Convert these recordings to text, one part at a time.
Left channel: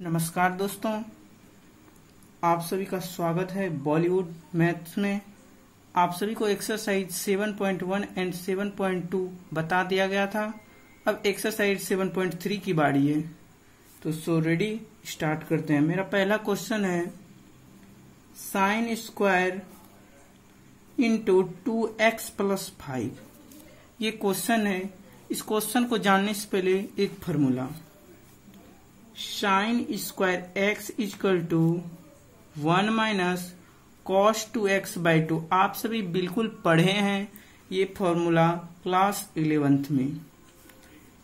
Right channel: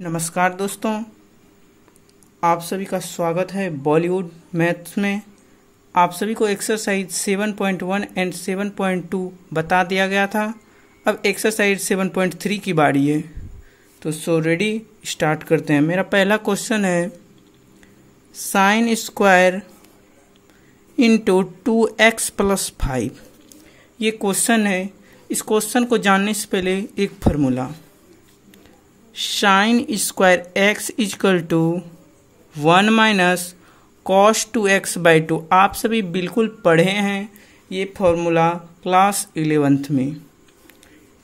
नमस्कार दोस्तों, आप सभी का स्वागत है बॉलीवुड मैथ्स में। आप सभी को एक्सरसाइज 7.1 एंड 7.2 बता दिया गया था। अब एक्सरसाइज 7.3 की बारी है, तो सो रेडी स्टार्ट करते हैं। मेरा पहला क्वेश्चन है sine square into 2x plus 5। ये क्वेश्चन है। इस क्वेश्चन को जानने से पहले एक formula, sine square x equal to 1 minus cos 2x by 2। आप सभी बिल्कुल पढ़े हैं ये फॉर्मूला क्लास 11th में।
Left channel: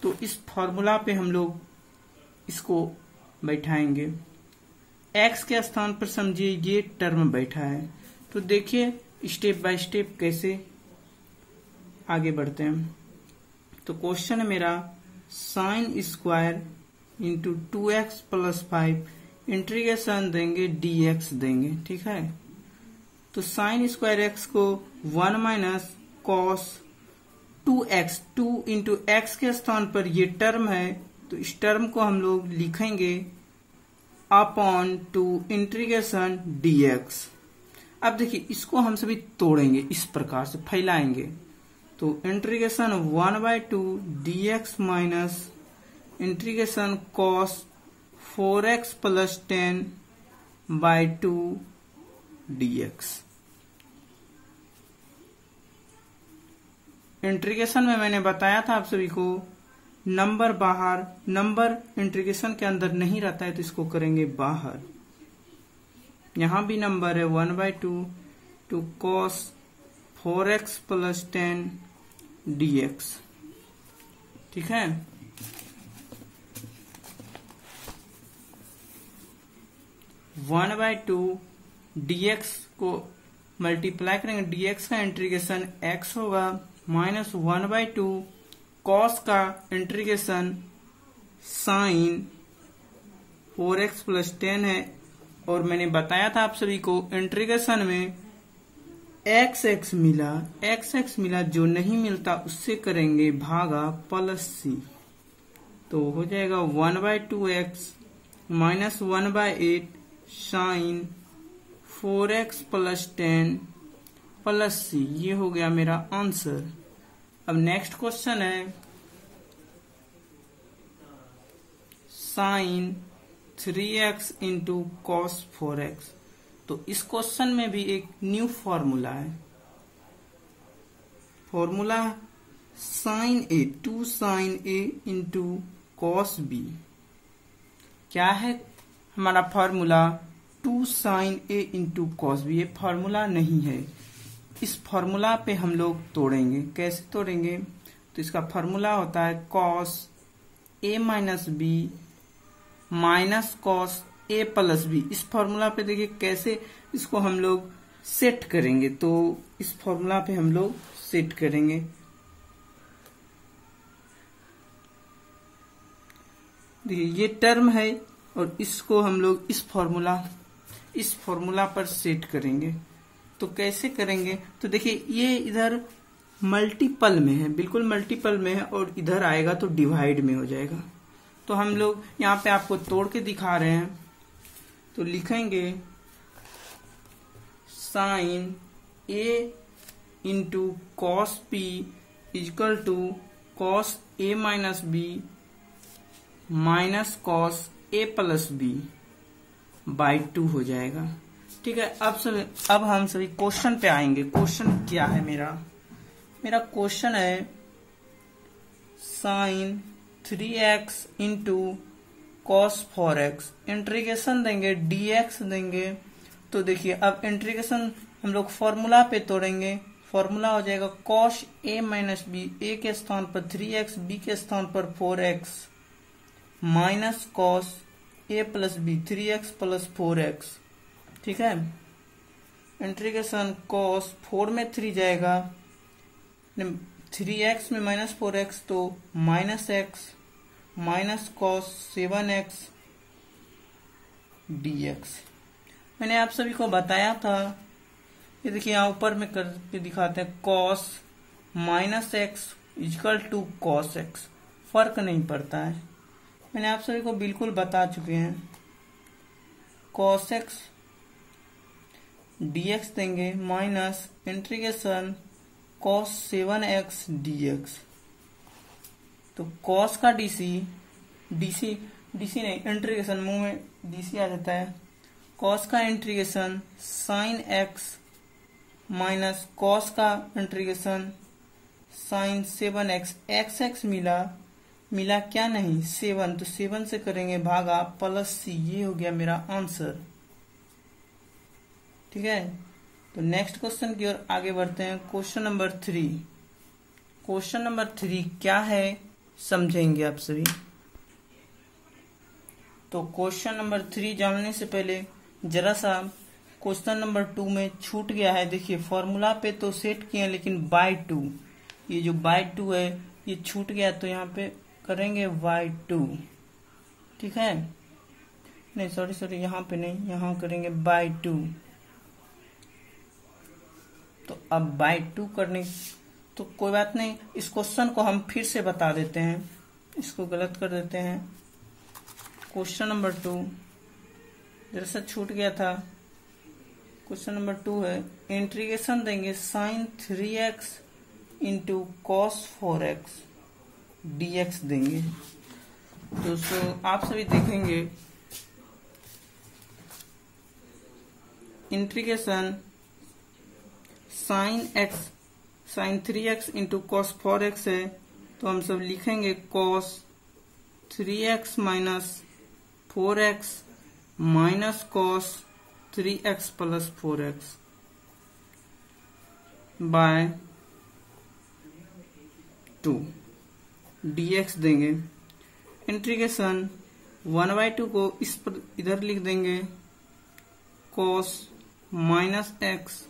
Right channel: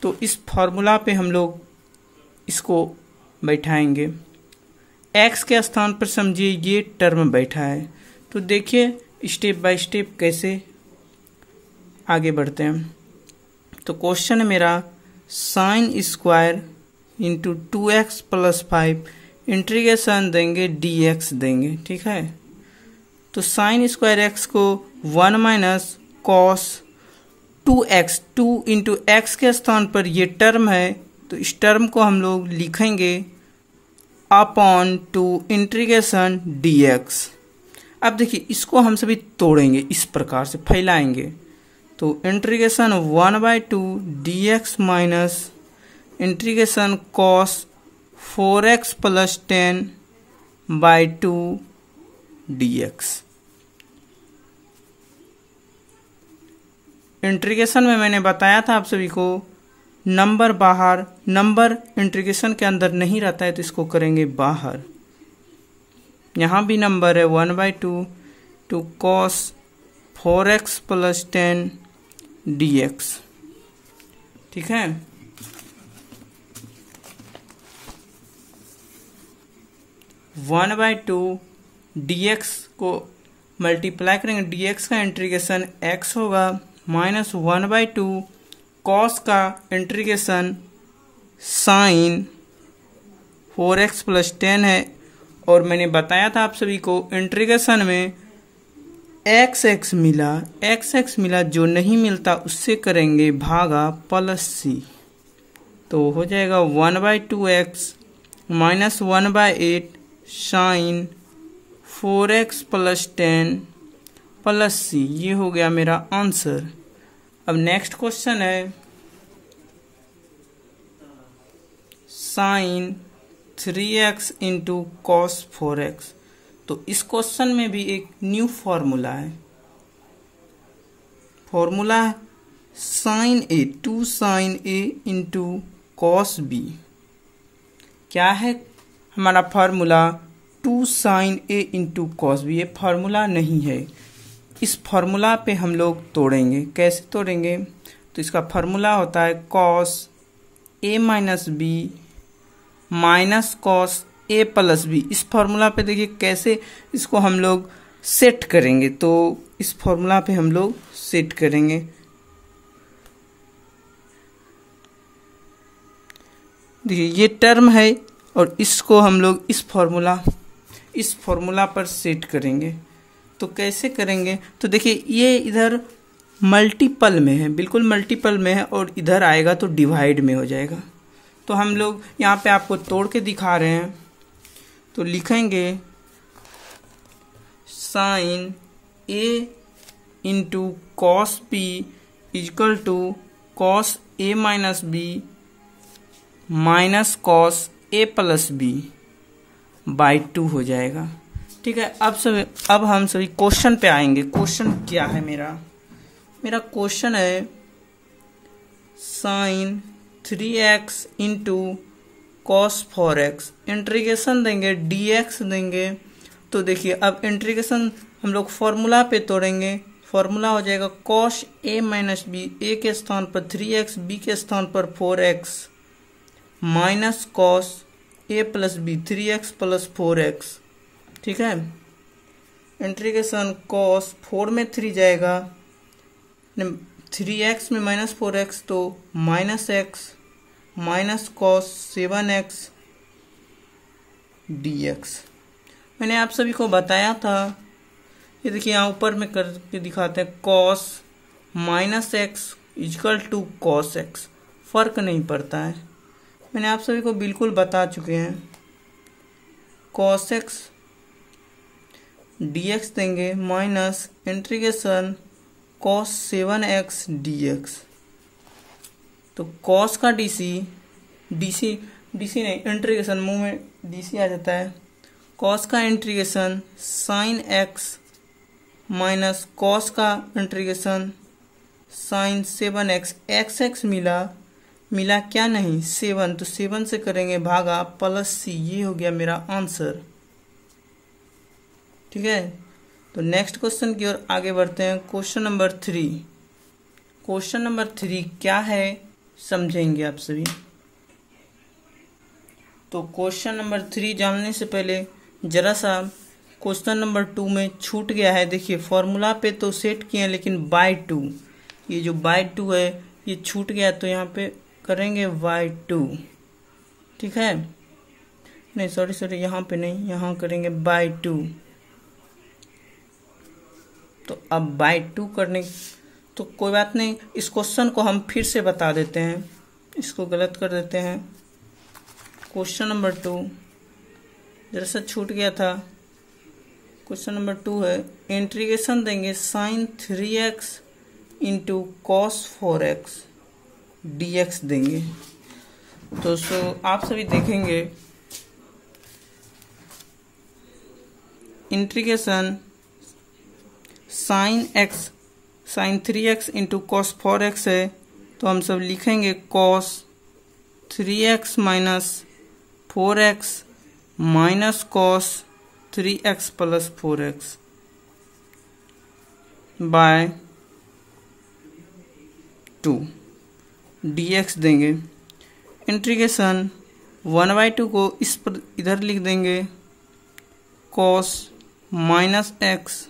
तो इस फॉर्मूला पे हम लोग इसको बैठाएंगे। x के स्थान पर समझिए ये टर्म बैठा है। तो देखिए स्टेप बाय स्टेप कैसे आगे बढ़ते हैं। तो क्वेश्चन है मेरा sine square into 2x plus 5 integration देंगे dx देंगे, ठीक है। तो साइन स्क्वायर एक्स को 1 minus cos 2x, 2 into x के स्थान पर ये टर्म है, तो इस टर्म को हम लोग लिखेंगे अपॉन 2 इंटीग्रेशन dx। अब देखिए इसको हम सभी तोड़ेंगे, इस प्रकार से फैलाएंगे। तो integration 1/2 dx minus integration cos 4x plus 10 by 2 dx। Integration में मैंने बताया था आप सभी को नंबर बाहर, नंबर इंटीग्रेशन के अंदर नहीं रहता है, तो इसको करेंगे बाहर। यहाँ भी नंबर है 1/2 to cos 4x plus 10 dx, ठीक है। वन बाई टू dx को मल्टीप्लाई करेंगे, dx का इंटीग्रेशन x होगा, माइनस 1/2 कॉस का इंटीग्रेशन साइन 4x प्लस 10 है। और मैंने बताया था आप सभी को इंटीग्रेशन में x मिला, जो नहीं मिलता उससे करेंगे भागा प्लस c। तो हो जाएगा 1/2x minus 1/8 sine 4x plus 10 plus c। ये हो गया मेरा आंसर। अब नेक्स्ट क्वेश्चन है sine 3x into cos 4x। तो इस क्वेश्चन में भी एक न्यू फॉर्मूला है। फॉर्मूला है sine a, 2 sine a into cos b. क्या है हमारा formula? 2 sine a into cos b. ये फॉर्मूला नहीं है। इस फॉर्मूला पे हम लोग तोड़ेंगे। कैसे तोड़ेंगे? तो इसका फॉर्मूला होता है cos a minus b minus cos a plus B. इस फॉर्मूला पे देखिए कैसे इसको हम लोग सेट करेंगे। तो इस फॉर्मूला पे हम लोग सेट करेंगे। देखिए ये टर्म है और इसको हम लोग इस फॉर्मूला पर सेट करेंगे। तो कैसे करेंगे? तो देखिए ये इधर मल्टीपल में है, बिल्कुल मल्टीपल में है, और इधर आएगा तो डिवाइड में हो जाएगा। तो हम लोग यहाँ पे आपको तोड़ के दिखा रहे हैं। तो लिखेंगे sine a into cos b equal to cos a minus b minus cos a plus b by 2 हो जाएगा, ठीक है। अब हम सभी क्वेश्चन पे आएंगे। क्वेश्चन क्या है मेरा क्वेश्चन है sine 3x into cos 4x integration देंगे dx देंगे। तो देखिए अब इंटीग्रेशन हम लोग फॉर्मूला पे तोड़ेंगे। फॉर्मूला हो जाएगा cos a minus b, a के स्थान पर 3x, b के स्थान पर 4x minus cos a plus b 3x plus 4x, ठीक है। इंटीग्रेशन कॉस 4 में 3 जाएगा, 3x में माइनस 4x, तो minus x minus cos 7x dx। मैंने आप सभी को बताया था, ये देखिए यहाँ ऊपर में करके दिखाते हैं cos minus x equal to cos x। फर्क नहीं पड़ता है, मैंने आप सभी को बिल्कुल बता चुके हैं। कॉस एक्स dx देंगे minus integration cos 7x dx। तो कॉस का डीसी नहीं, इंटीग्रेशन मुंह में डीसी आ जाता है। कॉस का integration sine x minus cos का इंटीग्रेशन साइन 7x। एक्स मिला क्या नहीं 7, तो 7 से करेंगे भागा प्लस सी, ये हो गया मेरा आंसर। ठीक है, तो नेक्स्ट क्वेश्चन की ओर आगे बढ़ते हैं। Question number 3। क्वेश्चन नंबर 3 क्या है समझेंगे आप सभी। तो क्वेश्चन नंबर 3 जानने से पहले जरा सा क्वेश्चन नंबर 2 में छूट गया है। देखिए फॉर्मूला पे तो सेट किए हैं, लेकिन बाय 2, ये जो बाय 2 है ये छूट गया, तो यहाँ पे करेंगे बाय 2। ठीक है, नहीं सॉरी यहाँ पे नहीं, यहाँ करेंगे बाय 2। तो अब बाय 2 करने, तो कोई बात नहीं, इस क्वेश्चन को हम फिर से बता देते हैं, इसको गलत कर देते हैं। क्वेश्चन नंबर 2 जरा सा छूट गया था। क्वेश्चन नंबर 2 है, इंटीग्रेशन देंगे sign 3x into cos 4x dx देंगे। दोस्तों आप सभी देखेंगे integration sign 3x into cos 4x है, तो हम सब लिखेंगे cos 3x minus 4x minus cos 3x plus 4x by 2 dx देंगे। इंटीग्रेशन 1/2 को इस पर इधर लिख देंगे cos minus x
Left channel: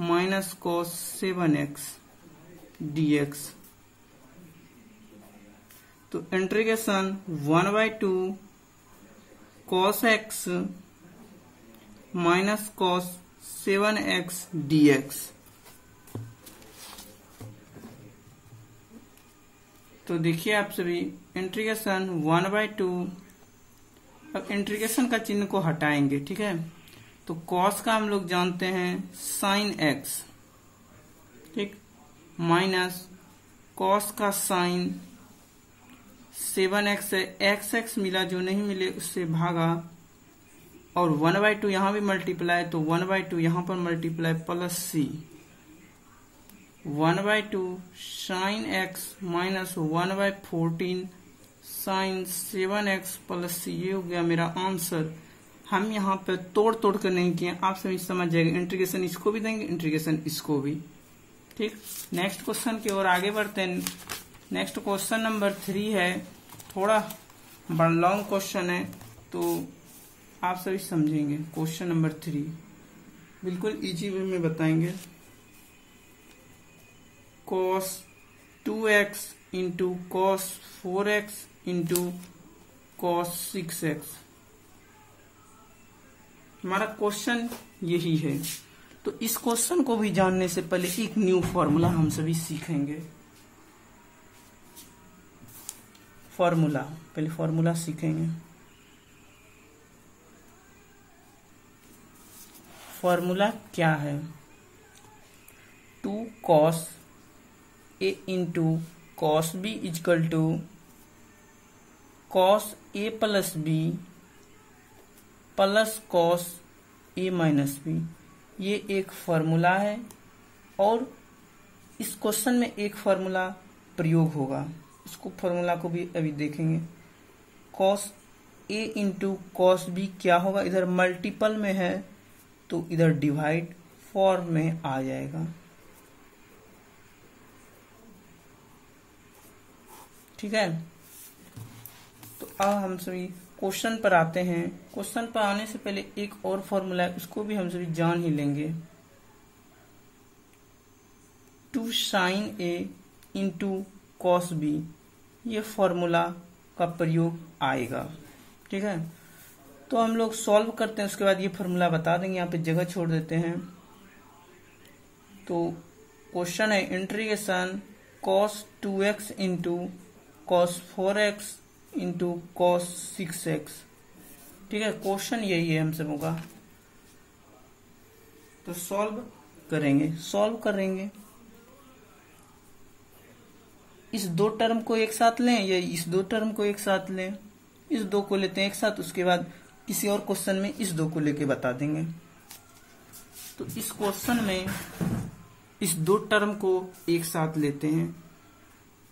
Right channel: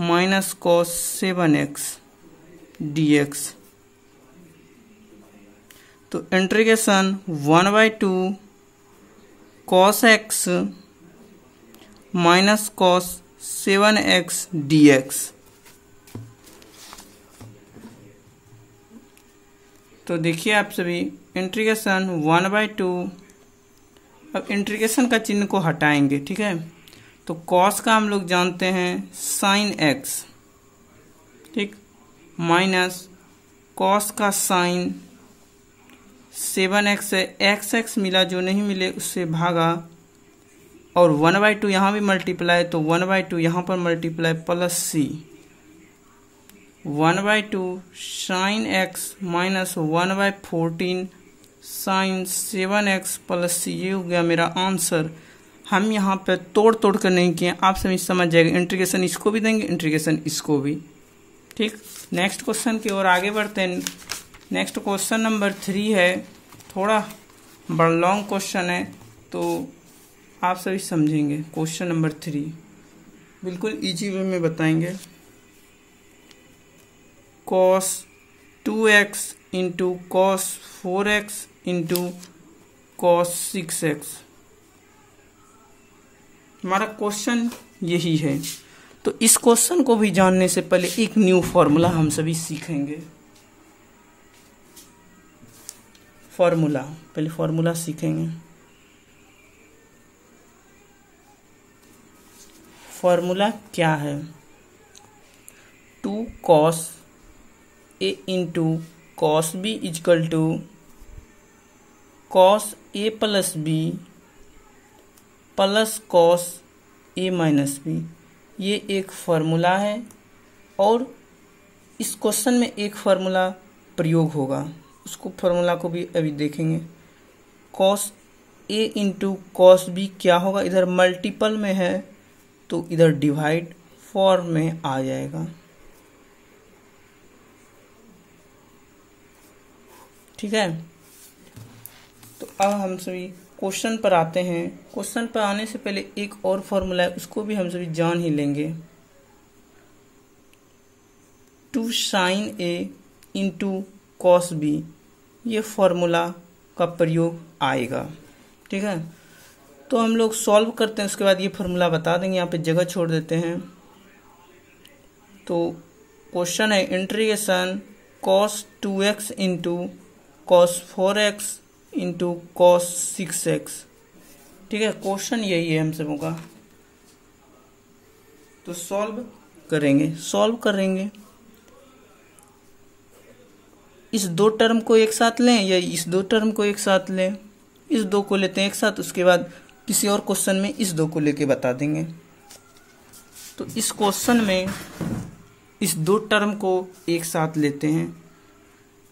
minus cos 7x dx। तो integration 1/2 cos x minus cos 7x dx। तो देखिए आप सभी इंटीग्रेशन 1/2, अब इंटीग्रेशन का चिन्ह को हटाएंगे। ठीक है, तो कॉस का हम लोग जानते हैं साइन x, ठीक, माइनस कॉस का साइन 7x है, x मिला, जो नहीं मिले उससे भागा, और 1/2 यहाँ भी मल्टीप्लाई, तो 1/2 यहाँ पर multiply plus C, 1/2 sine x minus 1/14 sine 7x plus C, ये हो गया मेरा आंसर। हम यहाँ पे तोड़ कर नहीं किए, आप सभी समझ जाएंगे। इंटीग्रेशन इसको भी देंगे, इंटीग्रेशन इसको भी। ठीक, नेक्स्ट क्वेश्चन की ओर आगे बढ़ते हैं। नेक्स्ट क्वेश्चन नंबर 3 है, थोड़ा बड़ा लॉन्ग क्वेश्चन है, तो आप सभी समझेंगे। क्वेश्चन नंबर 3 बिल्कुल इजी वे में बताएंगे। cos 2x into cos 4x into cos 6x, हमारा क्वेश्चन यही है। तो इस क्वेश्चन को भी जानने से पहले एक न्यू फॉर्मूला हम सभी सीखेंगे। पहले फॉर्मूला सीखेंगे। फॉर्मूला क्या है, 2 cos a into cos b equal to cos a plus b plus cos a minus b। ये एक फार्मूला है, और इस क्वेश्चन में एक फार्मूला प्रयोग होगा, उसको फार्मूला को भी अभी देखेंगे। Cos a into cos b क्या होगा, इधर मल्टीपल में है तो इधर डिवाइड फॉर्म में आ जाएगा। ठीक है, तो अब हम सभी क्वेश्चन पर आते हैं। क्वेश्चन पर आने से पहले एक और फॉर्मूला है, उसको भी हम सभी जान ही लेंगे। 2 sine a into cos b, ये फॉर्मूला का प्रयोग आएगा। ठीक है, तो हम लोग सॉल्व करते हैं, उसके बाद ये फॉर्मूला बता देंगे, यहाँ पे जगह छोड़ देते हैं। तो क्वेश्चन है integration cos 2x into cos 4x into cos 6x ठीक है, क्वेश्चन यही है हम सबों का। तो सॉल्व करेंगे। इस दो टर्म को एक साथ लें या इस दो टर्म को एक साथ लें। इस दो को लेते हैं एक साथ, उसके बाद किसी और क्वेश्चन में इस दो को लेके बता देंगे। तो इस क्वेश्चन में इस दो टर्म को एक साथ लेते हैं।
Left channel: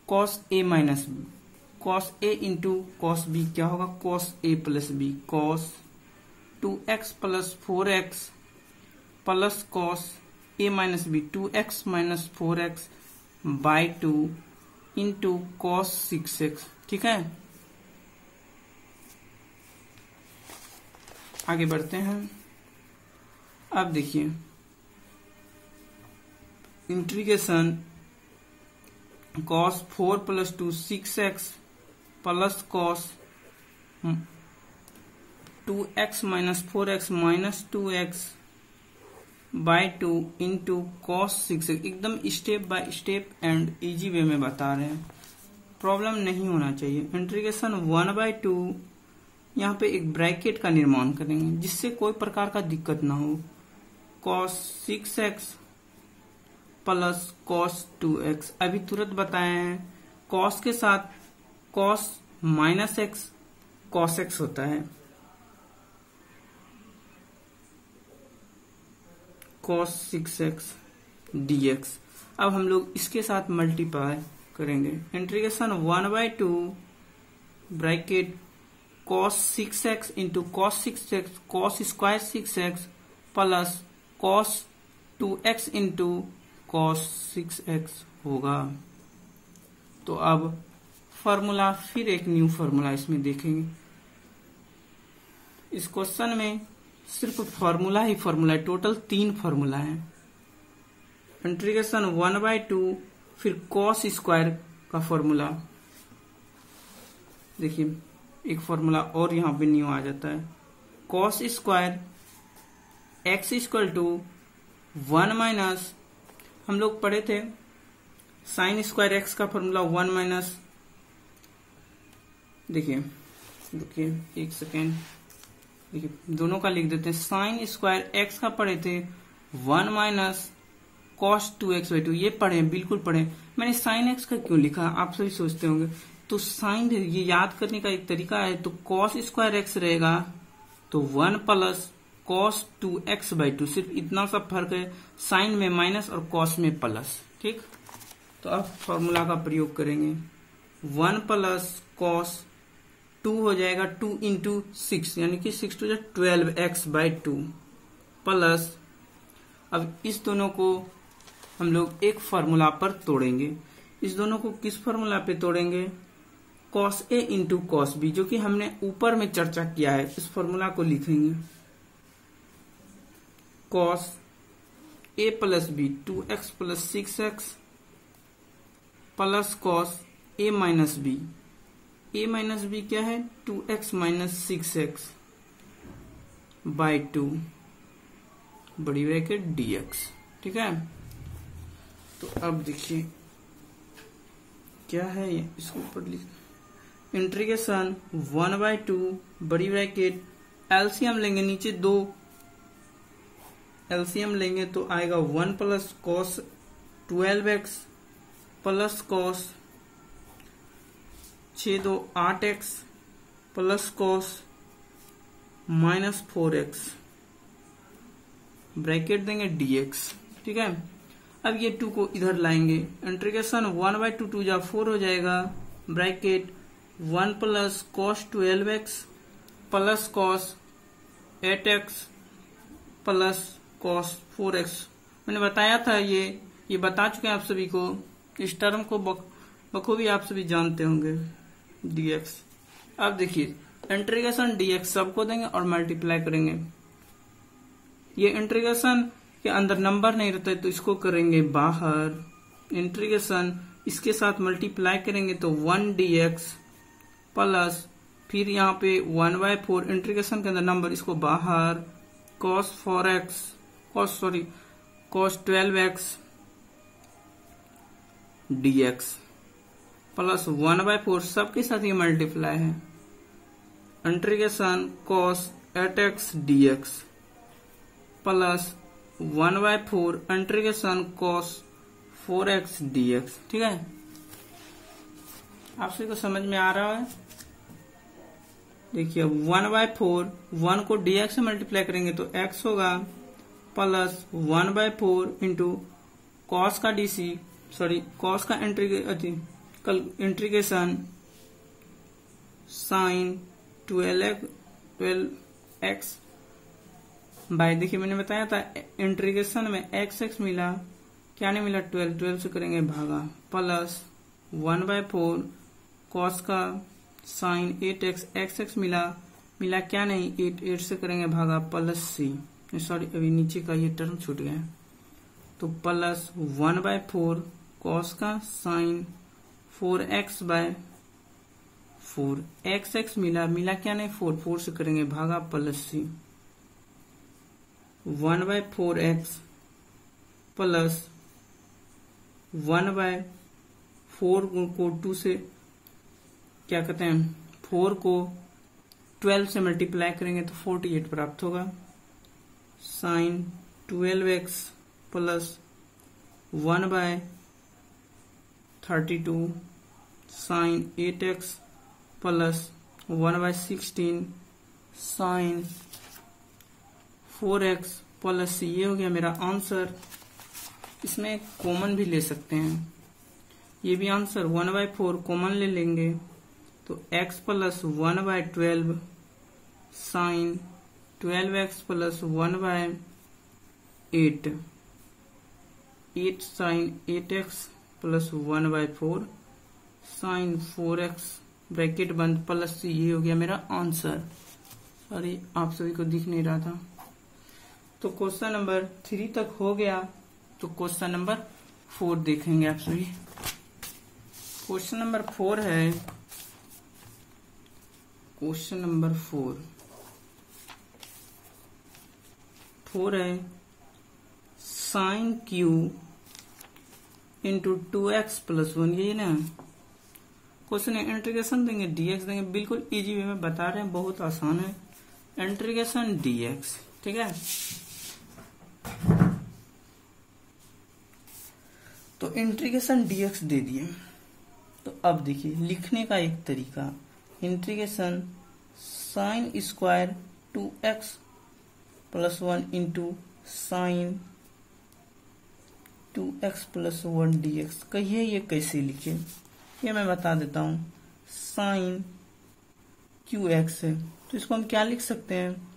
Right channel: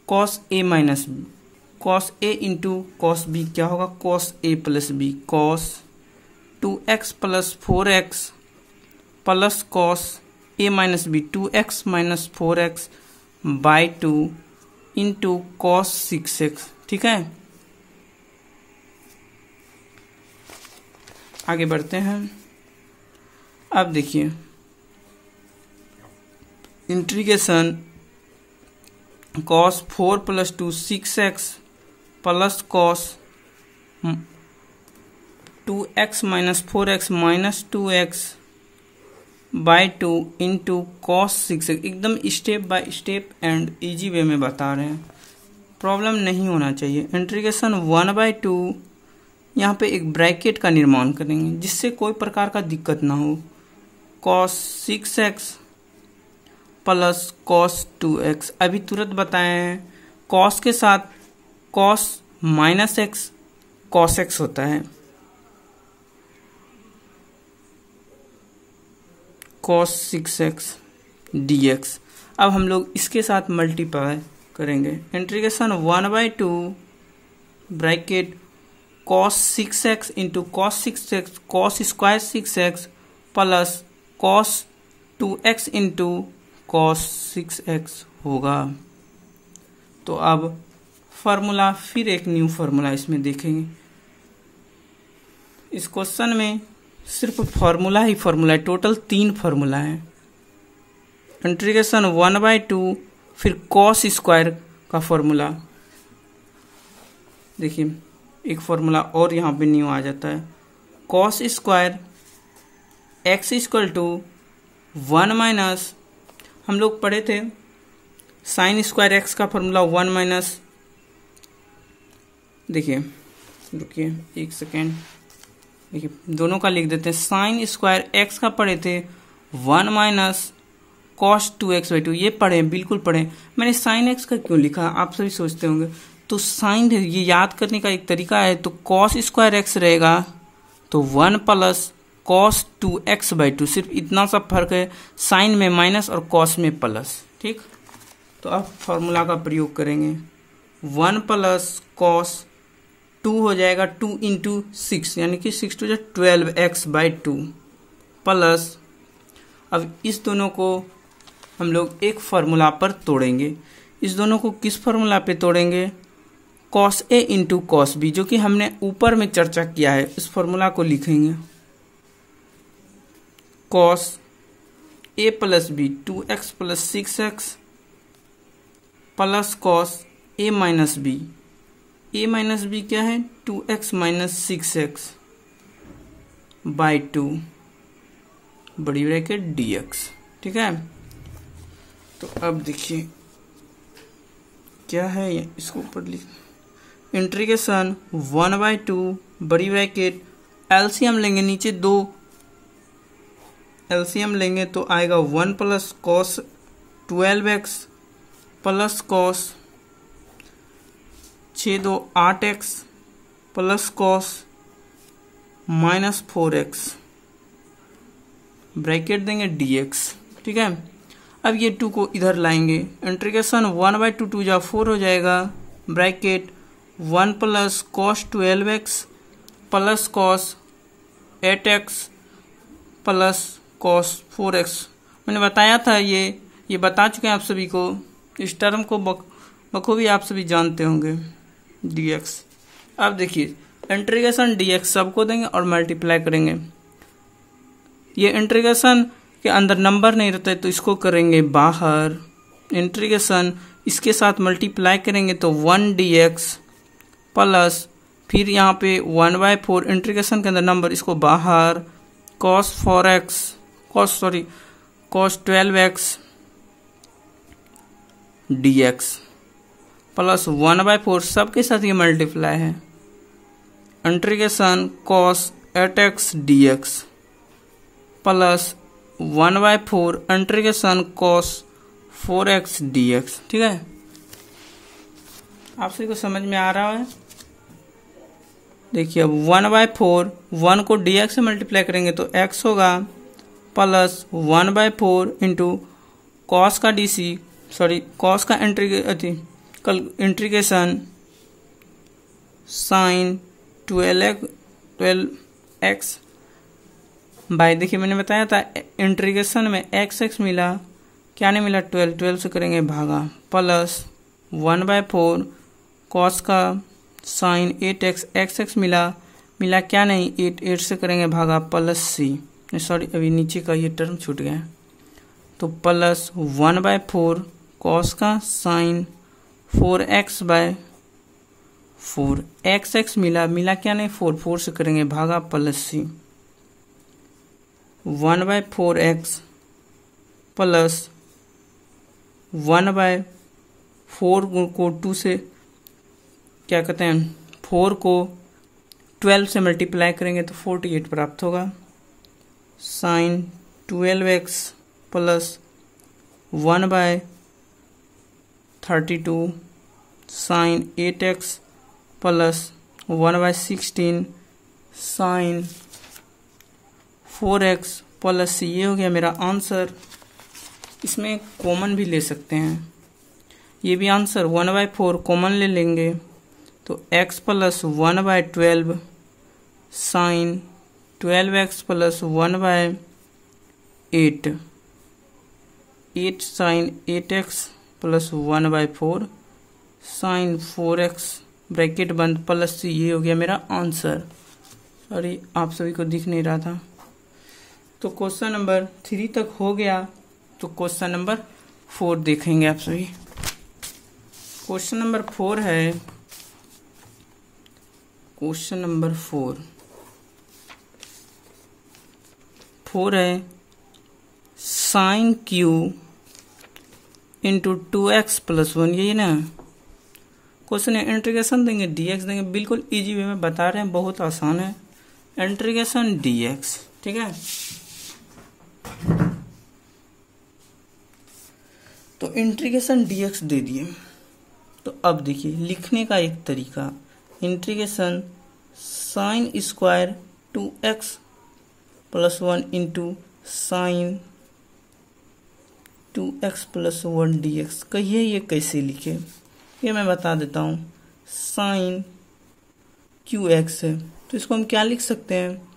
cos a minus b, cos a into cos b क्या होगा, cos a plus b, cos 2x plus 4x plus cos a minus b 2x minus 4x by 2 into cos 6x। ठीक है, आगे बढ़ते हैं। अब देखिए integration cos 4 plus 2 6x plus cos 2x minus 4x minus 2x by 2 into cos 6x। एकदम step by step and easy way में बता रहे हैं, प्रॉब्लम नहीं होना चाहिए। इंटीग्रेशन 1/2 यहाँ पे एक ब्रैकेट का निर्माण करेंगे जिससे कोई प्रकार का दिक्कत ना हो। cos 6x plus cos 2x, अभी तुरंत बताए हैं cos के साथ cos minus x cos x होता है, cos 6x dx। अब हम लोग इसके साथ मल्टीप्लाई करेंगे। Integration 1/2 bracket cos 6x into cos 6x cos square 6x plus cos 2x into cos 6x होगा। तो अब फार्मूला, फिर एक न्यू फार्मूला इसमें देखेंगे। इस क्वेश्चन में सिर्फ फार्मूला ही फार्मूला है, टोटल 3 फार्मूला है। इंटीग्रेशन 1/2 फिर cos स्क्वायर का फार्मूला, देखिए एक फार्मूला और यहाँ पे न्यू आ जाता है। cos square x equal to 1 minus, हम लोग पढ़े थे साइन स्क्वायर x का फार्मूला 1 माइनस, देखिए एक सेकेंड, देखिए दोनों का लिख देते हैं। साइन स्क्वायर x का पढ़े थे 1 माइनस cos 2x/2, ये पढ़े, बिल्कुल पढ़े। मैंने साइन x का क्यों लिखा आप सभी सोचते होंगे, तो साइन ये याद करने का एक तरीका है। तो cos स्क्वायर x रहेगा तो 1 प्लस cos 2x/2, सिर्फ इतना सा फर्क है, साइन में माइनस और cos में प्लस। ठीक, तो अब फॉर्मूला का प्रयोग करेंगे। 1 प्लस cos 2 हो जाएगा 2 इंटू 6, यानी कि 6 to 12x/2 प्लस, अब इस दोनों को हम लोग एक फार्मूला पर तोड़ेंगे। इस दोनों को किस फार्मूला पे तोड़ेंगे, cos a into cos b, जो कि हमने ऊपर में चर्चा किया है। इस फार्मूला को लिखेंगे cos a plus b 2x प्लस 6x plus cos a minus b, a minus b क्या है 2x माइनस 6x बाई 2 बड़ी ब्रैकेट dx। ठीक है, तो अब देखिए क्या है ये, इसको ऊपर लिख, इंटीग्रेशन 1/2 बड़ी ब्रैकेट, एलसीएम लेंगे, नीचे 2 एलसीएम लेंगे तो आएगा 1 plus cos 12x plus cos 6 2 8x plus cos minus 4x bracket देंगे dx। ठीक है, अब ये 2 को इधर लाएंगे। इंटीग्रेशन 1/2 2 जा 4 हो जाएगा, bracket 1 plus cos 12x plus cos 8x plus cos 4x। मैंने बताया था, ये बता चुके हैं आप सभी को, इस टर्म को बखूबी आप सभी जानते होंगे, dx। अब देखिए इंटीग्रेशन dx सबको देंगे और मल्टीप्लाई करेंगे। ये इंटीग्रेशन के अंदर नंबर नहीं रहता है तो इसको करेंगे बाहर। इंटीग्रेशन इसके साथ मल्टीप्लाई करेंगे तो 1 dx प्लस, फिर यहाँ पे 1/4 इंटीग्रेशन के अंदर नंबर, इसको बाहर, cos 12x dx प्लस 1/4, सबके साथ ये मल्टीप्लाई है, integration cos 8x dx plus 1/4 integration cos 4x dx। ठीक है, आप सभी को समझ में आ रहा है? देखिए अब 1/4, 1 को dx से मल्टीप्लाई करेंगे तो x होगा प्लस 1/4 इंटू कॉस का कॉस का इंटीग्रेशन साइन 12x बाय, देखिए मैंने बताया था इंटीग्रेशन में x मिला, क्या नहीं मिला, 12 से करेंगे भागा, प्लस 1/4 कॉस का साइन 8x x मिला क्या नहीं, 8 से करेंगे भागा, प्लस c, सॉरी अभी नीचे का ये टर्म छूट गया, तो प्लस 1/4 कॉस का साइन 4x/4 x मिला क्या नहीं, 4 से करेंगे भागा, प्लस c 1/4x प्लस 1/4 को 2 से क्या कहते हैं, 4 को 12 से मल्टीप्लाई करेंगे तो 48 प्राप्त होगा, sine 12x plus 1/32 sine 8x plus 1/16 sine 4x plus c, ये हो गया मेरा आंसर। इसमें कॉमन भी ले सकते हैं, ये भी आंसर 1/4 कॉमन ले लेंगे तो x plus 1/12 sine 12x plus 1/8 sine 8x plus 1/4 sine 4x bracket बंद प्लस c, ये हो गया मेरा आंसर। सॉरी आप सभी को दिख नहीं रहा था। तो क्वेश्चन नंबर 3 तक हो गया, तो क्वेश्चन नंबर 4 देखेंगे आप सभी। क्वेश्चन नंबर 4 है, क्वेश्चन नंबर 4 है sign Q into 2x plus 1, यही ना क्वेश्चन है। इंटीग्रेशन देंगे dx देंगे, बिल्कुल इजी वे में बता रहे हैं, बहुत आसान है। इंटीग्रेशन dx, ठीक है। तो इंटीग्रेशन dx दे दिए, तो अब देखिए लिखने का एक तरीका, integration sine square 2x plus 1 into sine 2x plus 1 dx। कहिए ये कैसे लिखे, ये मैं बता देता हूँ। साइन qx है तो इसको हम क्या लिख सकते हैं,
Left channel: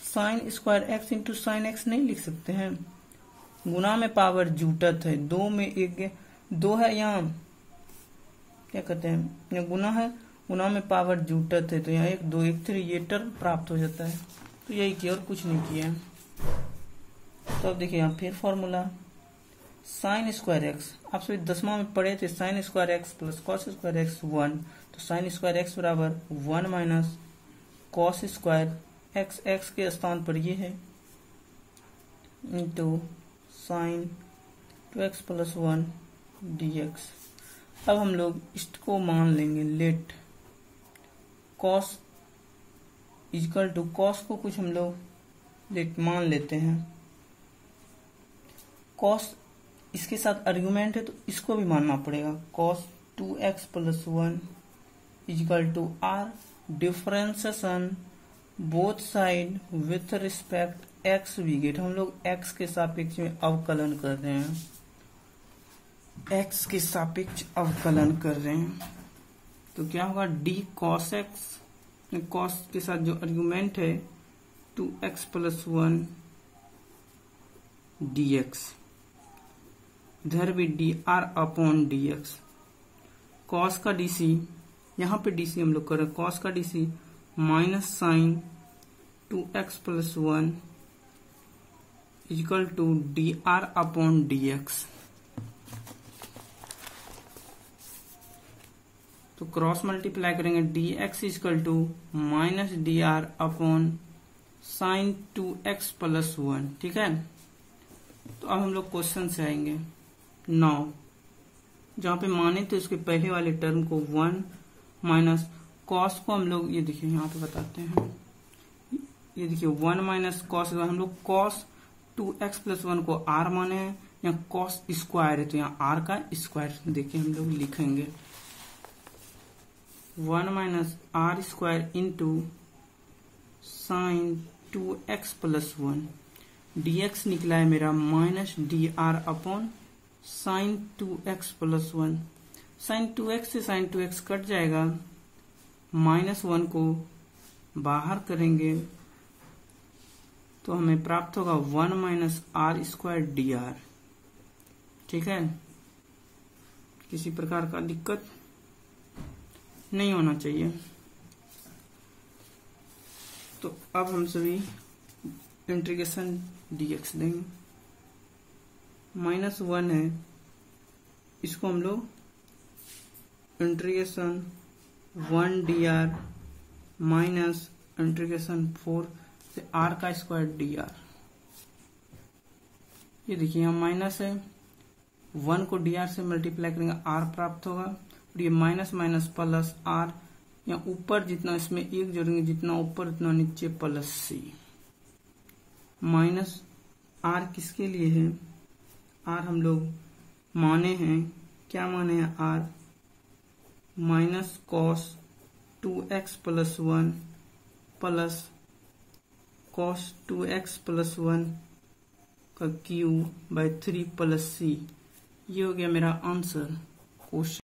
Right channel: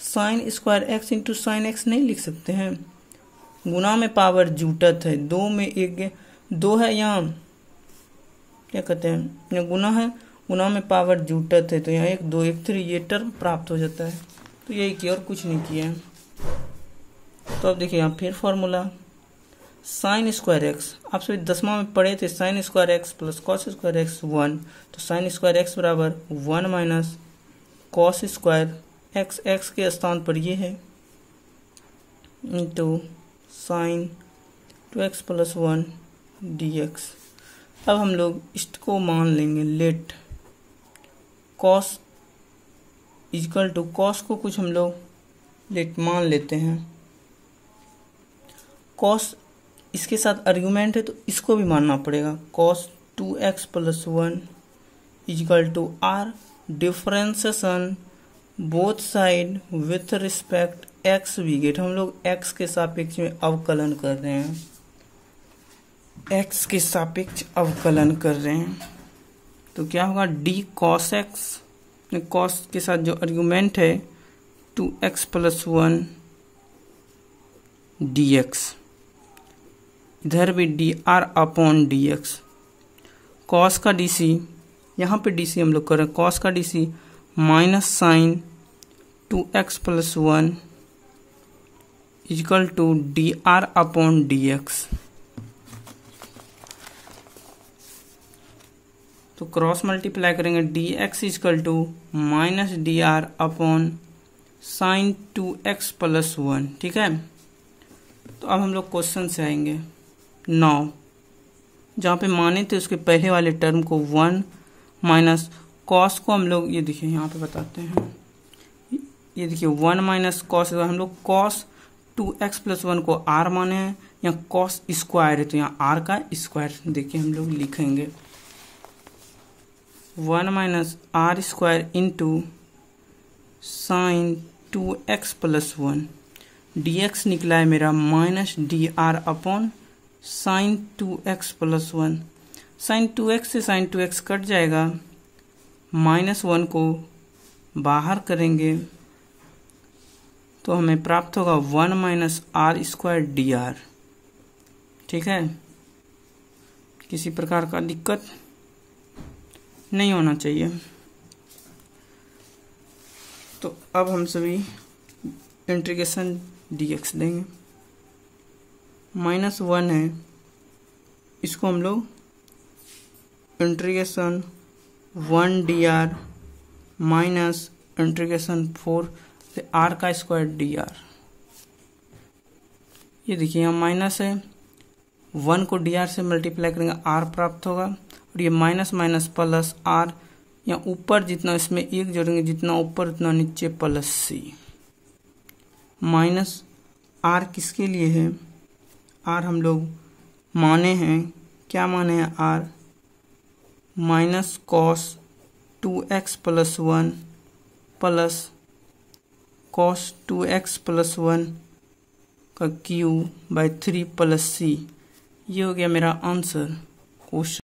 sign square x into sine x नहीं लिख सकते हैं। गुना में पावर जुटत है, दो में एक दो है, यहाँ क्या कहते हैं, यहाँ गुना है, गुना में पावर जुटत है, तो यहाँ 1 2 1 3 ये टर्म प्राप्त हो जाता है। तो यही किया और कुछ नहीं किया। तो अब देखिए यहाँ फिर फॉर्मूला साइन स्क्वायर एक्स, आप सभी 10वां में पढ़े थे, sine square x plus cos square x 1, तो साइन स्क्वायर एक्स बराबर 1 minus cos square x, x के स्थान पर ये है, into sine 2x plus 1 dx। अब हम लोग इसको मान लेंगे, let cos equal to, cos को कुछ हम लोग लेट मान लेते हैं, कॉस इसके साथ आर्गुमेंट है तो इसको भी मानना पड़ेगा। Cos 2x plus 1 equal to r differentiation both side with respect x we get, हम लोग x के सापेक्ष में अवकलन कर रहे हैं, x के सापेक्ष अवकलन कर रहे हैं, तो क्या होगा d cos x, cos के साथ जो आर्गुमेंट है 2x प्लस 1 dx, इधर भी dr अपॉन dx, cos का dc, यहाँ पे dc हम लोग कर रहे हैं, cos का dc माइनस sine 2x plus 1 equal to dr upon dx। तो क्रॉस मल्टीप्लाई करेंगे, dx equal to minus dr upon sine 2x plus 1, ठीक है। तो अब हम लोग क्वेश्चन से आएंगे 9, जहाँ पे माने थे उसके पहले वाले टर्म को 1 माइनस कॉस को हम लोग ये देखिए यहाँ पे बताते हैं, ये देखिए 1 माइनस कॉस, हम लोग कॉस 2x + 1 को r माने हैं, यहाँ कॉस स्क्वायर है तो यहाँ r का स्क्वायर देखिए हम लोग लिखेंगे 1 minus r square into sine 2x + 1 dx निकला है मेरा minus dr upon sine 2x + 1। Sine 2x से साइन 2x कट जाएगा, -1 को बाहर करेंगे तो हमें प्राप्त होगा 1 माइनस r स्क्वायर dr। ठीक है, किसी प्रकार का दिक्कत नहीं होना चाहिए। तो अब हम सभी इंटीग्रेशन dx देंगे, -1 है, इसको हम लोग इंटीग्रेशन 1 dr माइनस इंटीग्रेशन 4 से r का स्क्वायर dr। ये देखिए यहाँ माइनस है, 1 को dr से मल्टीप्लाई करेंगे r प्राप्त होगा, और ये माइनस माइनस प्लस r, यहाँ ऊपर जितना इसमें एक जोड़ेंगे, जितना ऊपर उतना नीचे प्लस c। माइनस r किसके लिए है, r हम लोग माने हैं, क्या माने हैं r, minus cos 2x + 1 plus cos 2x + 1 का क्यूब बाय 3 + c। ये हो गया मेरा आंसर क्वेश्चन।